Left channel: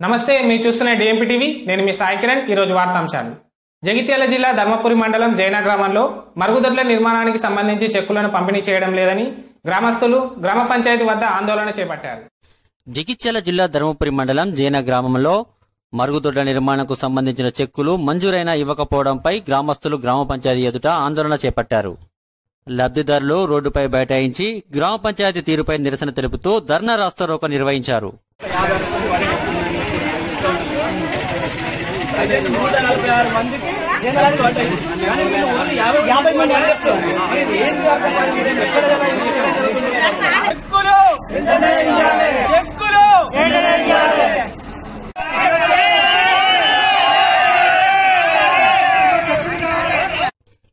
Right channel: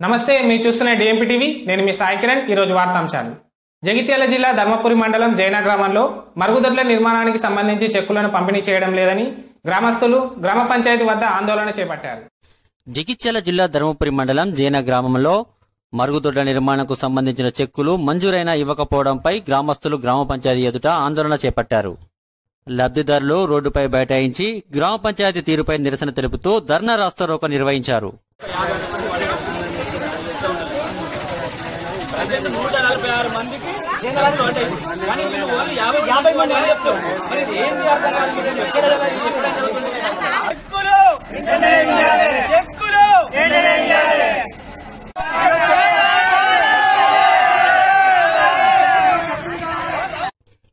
నమస్తే, మీరు చూస్తున్న డిఎంపీ టీవీ. నేను మీ సాయి కిరణ్. ఈరోజు వార్తాంశాలు. జగిత్యాల జిల్లా ధర్మపురి మండలం జైనా గ్రామంలో మరుగుదొడ్ల నిర్మాణానికి సంబంధించి చెక్కులను పంపిణీ చేయడం లేదని గ్రామస్తులు గ్రామ పంచాయతీ వద్ద ఆందోళన చేపట్టారు. జగిత్యాల జిల్లా ధర్మపురి మండలం జైనా గ్రామంలో మరుగుదొడ్ల నిర్మాణంకు సంబంధించిన చెక్కులు మంజూరైనా ఇవ్వకపోవడంపై గ్రామస్తులు గ్రామ పంచాయతీ ఎదుట ఆందోళన చేపట్టారు. లబ్ధిదారులు రోడ్డుపై బైఠాయించి గ్రామ పంచాయతీ తీరుపై నిరసన తెలుపుతూ ధర్నా రాస్తారోకో నిర్వహించారు. 146 మందికి కానీ వీళ్ళు ఓన్లీ 50 మంది అని చెప్తారు. మరి ఇది ఏంది అర్థం కాదు.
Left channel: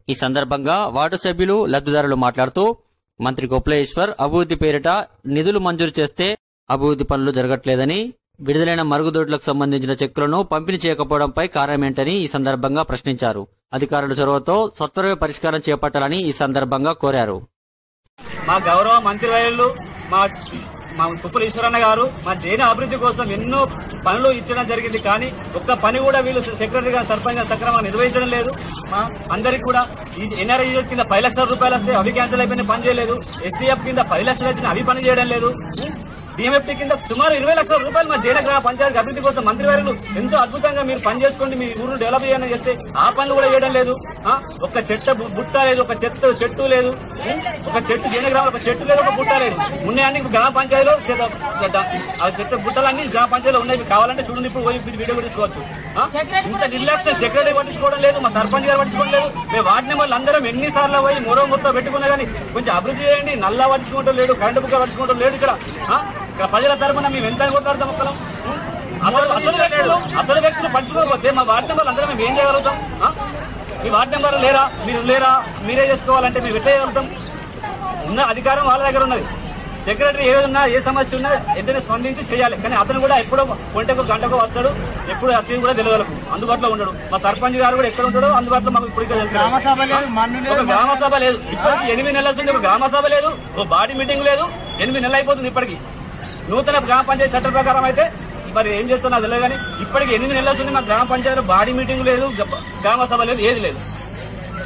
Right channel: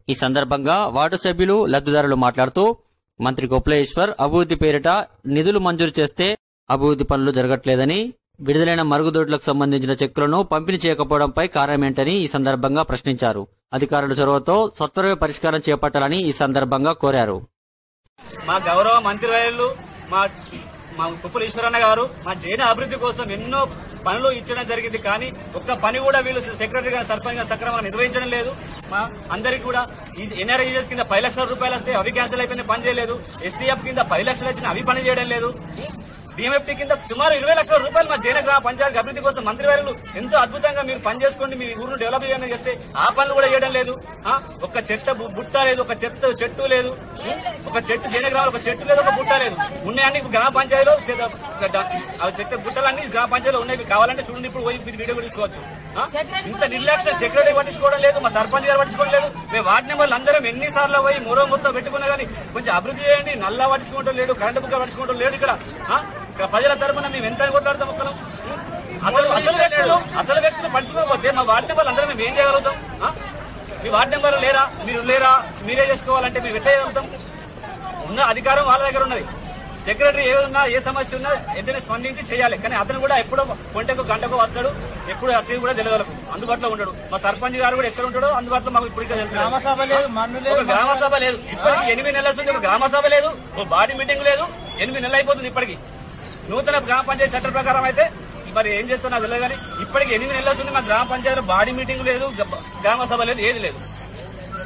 ఈ సందర్భంగా వార్డు సభ్యులు లబ్ధిదారులు మాట్లాడుతూ మంత్రి కొప్లేశ్వర్ అభివృద్ధి పేరిట నిధులు మంజూరు చేస్తే అభివృద్ధి పనులు జరగట్లేదని, విడుదలైన మరుగుదొడ్లకు సంబంధించిన చెక్కులను పంపిణీ చేయకపోవడంపై కారణమేంటని ఈ సందర్భంగా ప్రశ్నించారు. అధికారుల చొరవతో సత్వరమే పరిష్కారం చేపట్టాలని ఈ సందర్భంగా కోరారు. మా గౌరవ మంత్రివర్యులు మా కుప్పల ఈశ్వరన్న గారు మా జైన అభివృద్ధి కోసం ఎన్నో పనులు ఇచ్చడం జరిగింది. కానీ ఒక్క పని కూడా వీళ్ళు సెక్రటరీ గారు సర్పంచ్ గారు సక్రమంగా నిర్వహించడం లేదు. మా అందరికి కూడా ఈ ఎన్ఆర్ఈఎస్ కింద 10 లక్షల రూపాయలు వస్తే అవి క్యాన్సిల్ అయిపోయిన పని చేయలేదు. ఎస్డీఎఫ్ కింద 10 లక్షలు వచ్చిన అవి పని చేయడం లేదు. డిఎంఎఫ్టీ కింద సుమారు 20 లక్షల రూపాయలు మా జైన గ్రామ పంచాయతీ అభివృద్ధి కోసం మంత్రివర్యులు ఎంతో అద్భుతంగా మీరు పని చేసుకోండి, మీ ఊరును డెవలప్ చేయాలని చేస్తే ఆ పనులు కూడా చేయడం లేదు. ఒక చెట్టు బుట్ట లేదు, ఒక చెట్టు లేదు, ఒక చెట్టు జైన గ్రామంలో ఒక చెట్టు లేదు, ఒక బుట్ట లేదు. ఉన్నాయని గ్రామ పంచాయతీలో చెట్టు బుట్టలన్నీ గ్రామ పంచాయతీలో ఉన్నాయి. కావాలంటే చూడండి, ఇప్పుడు పోయి వీడియో తీసుకోవచ్చు. ఇంత నిర్లక్ష్యం సెక్రటరీ పట్టించుకోవడం లేదు, మా సర్పంచ్ గారు పట్టించుకోవడం లేదు. మేము వార్డు నెంబర్లు అందరం ఎన్నిసార్లు పోయి మొత్తం పెట్టుకున్నా కానీ కొంచెం అభివృద్ధి చేయండి. నల్లా పట్టించుకోవడం లేడు, కరెంటు బుక్క పట్టించుకోవడం లేదు. ఇక్కడ ప్రజల తరఫున మేము ఎంత కొట్లాడతాం. అసలు వ్యక్తులు పట్టించుకోకపోతే మా వార్డు నెంబర్లు అందరం మేము ఏం చేయగలుగుతాం? మీ వార్డు నెంబర్లు లేరా, మీరు లేరా, మీరే చేసుకోవాలంటే మేము ఎట్లా చేయగలుగుతాం? ఉన్న అధికారం వాళ్ళ దగ్గర ఉన్నది. సెక్రటరీ ఏదన్నా ఏ సమస్య ఉన్నా ఎంతనే స్పందించి చేయాలి. కానీ అతను కూడా ఎప్పుడో గంటకు వస్తాడు, ఎప్పుడు వచ్చేది కూడా తెలియదు, అందుబాటులో ఉండడు. మా సర్పంచ్ గారు కూడా ఎక్కడ ఉంటాడో అందుబాటులో మాకు ఇప్పుడు ఒక గ్రామ సభ లేదు. ఇప్పటికి 8 నెలల నుండి ఒక గ్రామ సభ లేదు, ఓ బాడీ మీటింగ్ లేదు. 8 నెలలు అయిపోతుంది. ఇప్పటికి నూతన గ్రామ పంచాయతీ చట్టం ప్రకారం అయితే మరి ఏం చేస్తున్నా తెలియదు. కానీ ఇప్పటికి 8 నెలల నుండి మా గ్రామ పంచాయతీలో బాడీ మీటింగ్ లేదు, గ్రామ సభ లేదు, ఏది లేదు.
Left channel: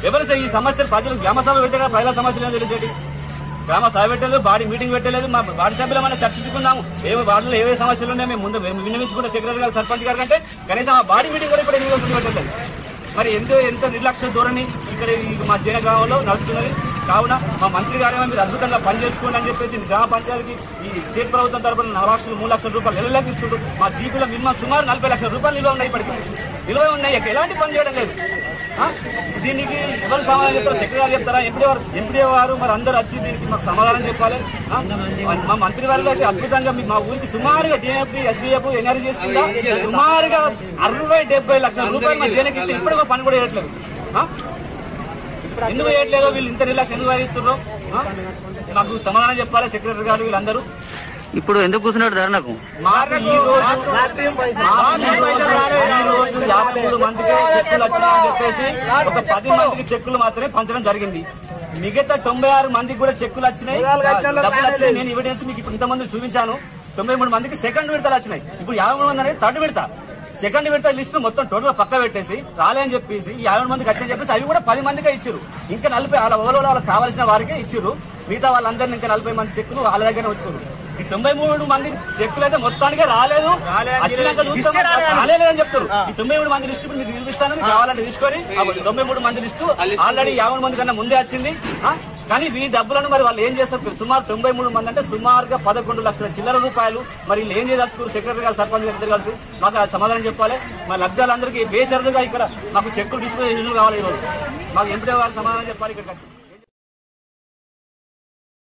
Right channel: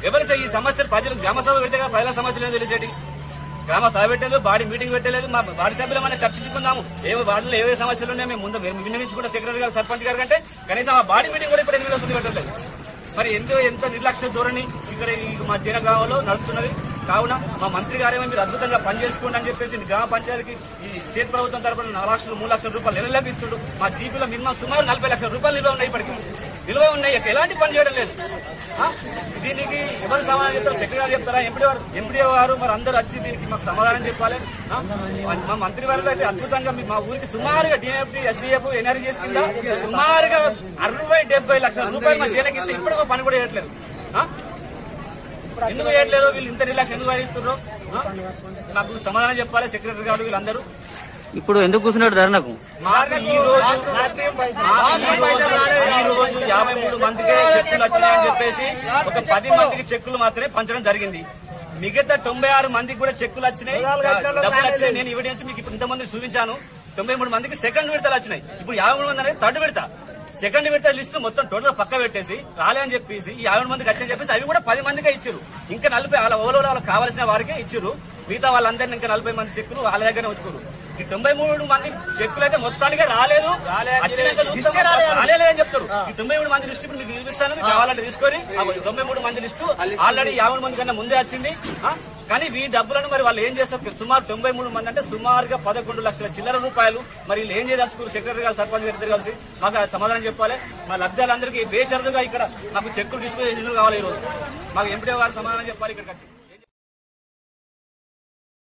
ఎవరైతే ఈ సమస్యలు ప్రజలు గ్రామ సభ పెట్టే ప్రజల సమస్యలు ఏదో తెలిసేటి, గ్రామ సభ పెట్టలేదు, బాడీ మీటింగ్ పెట్టలేదు. మా వార్డు సభ్యులు మనం చర్చించుకుందాము, వార్డులో ఏవే సమస్యలు ఉన్నాయో మేము ముందు విన్నవించుకుంటే సెక్రటరీ గారు సర్పంచ్ గారు కంటే కనీసం ఆ బాడీ మీటింగ్ కూడా ఇప్పుడు 8 నెలల పెట్టలేదు. మరి ఎంత నిర్లక్ష్య ధోరణి ఇక్కడ మా జైన గ్రామంలో నడుస్తున్నది. కావున మా మంత్రి గారేమో మీరు అద్భుతంగా పనిచేసుకోండి అని చెప్పేసి గ్రామ పంచాయతీకి ఈ స్టేట్ ప్రభుత్వం తరఫున 4 లక్షలు 3 లక్షల రూపాయలు నెలలకు ఇస్తుండ్రు. మా జీపీలో మినిమం సుమారు 40 లక్షల రూపాయలు నిల్వ ఉన్నాయి. ఇప్పటికీ నిల్వ ఉన్నాయి, ఎలాంటి పని చేయడం లేదు. దీనికి ఎవరు సమాధానం చెప్తారు? సెక్రటరీ గారు చెప్తారా, ఎంపీ గారు? మరి అందరూ వచ్చి దీనికి మాకు సమాధానం చెప్పాలి. మా మంత్రి వారిలో అయితే అద్భుతంగా మా ఊరికి సుమారుగా డిఎంఎఫ్టీ, ఎస్డీఎఫ్, ఎన్ఆర్జీ చేసుకుంటా సుమారుగా 60-70 లక్షల రూపాయలు మా జైనకి ఇస్తే ఇప్పుడు ఒక పని కూడా చేయట్లేదు. ఎందుకు చేయట్లేదో, వీళ్ళు ఇంత నిర్లక్ష్యం ఎందుకు వహిస్తున్నారో నాకు సమాధానం చెప్పాలి సెక్రటరీ గారు. వీళ్ళందరూ ఇప్పుడు ఎందుకు కూర్చున్నాడు ధర్నాకు? మాకు ఈ రోజు 53 మందికి చెక్కులు వచ్చినాయని చెప్పేసి ఒక 10 మందికి చెక్కులు మాత్రమే పంచడం జరిగింది. మిగతా 96 మందికి కూడా చెక్కులు వచ్చినాయి, డబ్బులు వచ్చినాయి. నేను ఎవిడెన్స్ మీకు ఇంతమంది చూపించాను. 93 మందికి సెకండ్ విడతలు వచ్చినాయి. ఇప్పుడు 53 మంది అనేది థర్డ్ విడత. సెకండ్ విడత లిస్ట్ మొత్తం టోటల్ పక్క పెట్టేసి రాలే అని చెప్పేసి 50 మందికి వచ్చని చెప్పేసి అవి కూడా 10 మందికే ఇచ్చారు. ఇంకా 40 వాళ్ళకి కావాల్సిన వారికే ఇచ్చారు. మిగతా వాళ్ళందరినీ ఇంకా 40 మంది చెక్కులు వాళ్ళ దగ్గరనే ఉంచుకోరు. ఈ 93 మంది చెక్కులు అయితే మొత్తానికే రాలేదు, వచ్చినాక చూస్తాం రాలేదని చెప్తారు. ఈ 93 మంది లిస్టు ఇప్పుడు మీకు చూపిస్తాను, కావాలంటే తీసుకొని. 93 మంది లిస్టు ఆల్రెడీ 50 మంది కన్నా ముందే వచ్చింది. కానీ ఈ డబ్బులను మరి వాళ్ళు ఏం చేస్తారు? సుమారు 93 మంది అంటే సుమారుగా 11 లక్షల చిల్లర రూపాయలు. మరి వీళ్ళు ఏం చేయదలుచుకోరు? సెక్రటరీ గారు, సర్పంచ్ గారు ఇద్దరు కలిసి మాకు సమాధానం చెప్పాలి. మా లబ్ధాలందరికీ బేషరతుగా ఇక్కడ మాకు చెక్కులు డిస్పోజ్ కావాలి. ఈరోజు మాకు ఎంపీ గారు సమాధానం చెప్పాలి. ఇక్కడికి వచ్చి